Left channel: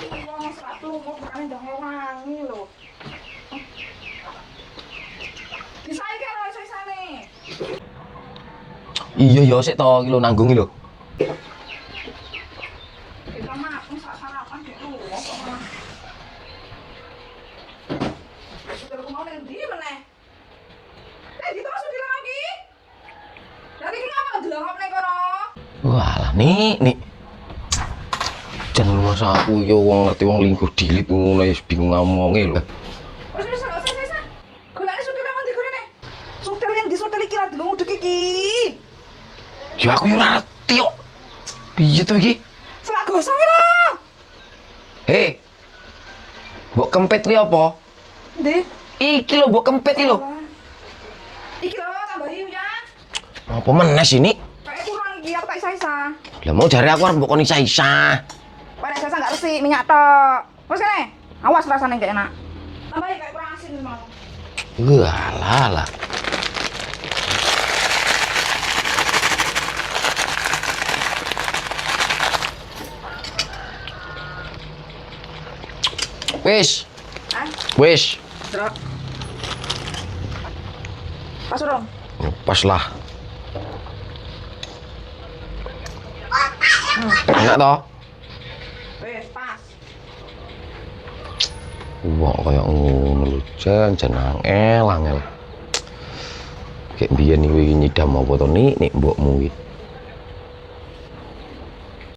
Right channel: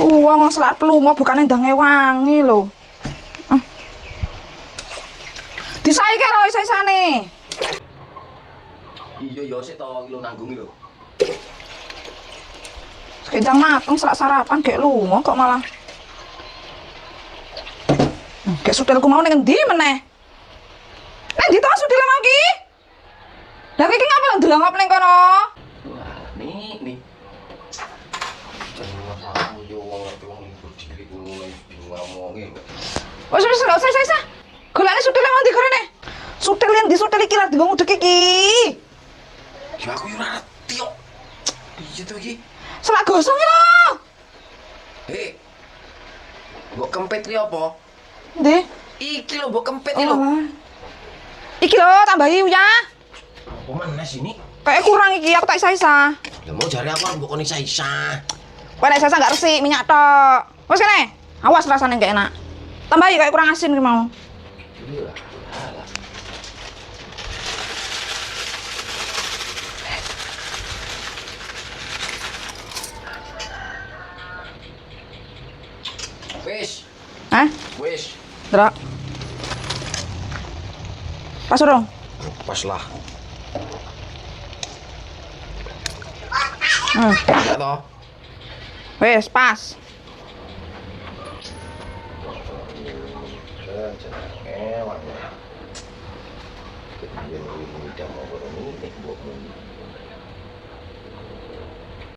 Wong selak lunga bukane ndang wangi lho. Disaiki lho isa-isane. Iya ya sik to iki lho nanggung iki lho. Kendang mateng selak sarapan gek lunga kok malah. Gek sudelku mau ning endi meneh? Nek ndi to sudel mau ki? Lah iki ngapa lho ndelok ning kono? Walah nik. Jan masa aku yo wong ngerti wong lingkuh dilit ngono wis bingung ngomonge lho. Wis gak usah. Golekne sudel mau ndi gorene? Sudel yang di sudel iki lah digo ngudek iki. Ya aku yo ora ngerti kok. Piye to iki? Selak gosong lho. Hei. Mbok kempet ki apa? Ndi? Iki lho mbok kempet iki lho. Iki lho tambahi ya. Apa meneh sini? Kayak kurang iki aku tak isa-isa. Lah mau jare aku arep mbok kon isa-isa. Kowe nek isa-isa gak resik minyak tok. Wes kene. Awas rasane gak enak. Tambahi kayak kurang asin ki mau. Walah. Wis. Hah? Wis. Delok. Pas dong. Pas lah. Enak toh? Wes pas. Wah, kayak ngono lho, jan angel. Kayak biyen iki nyidam apa to nik mbokmu iki.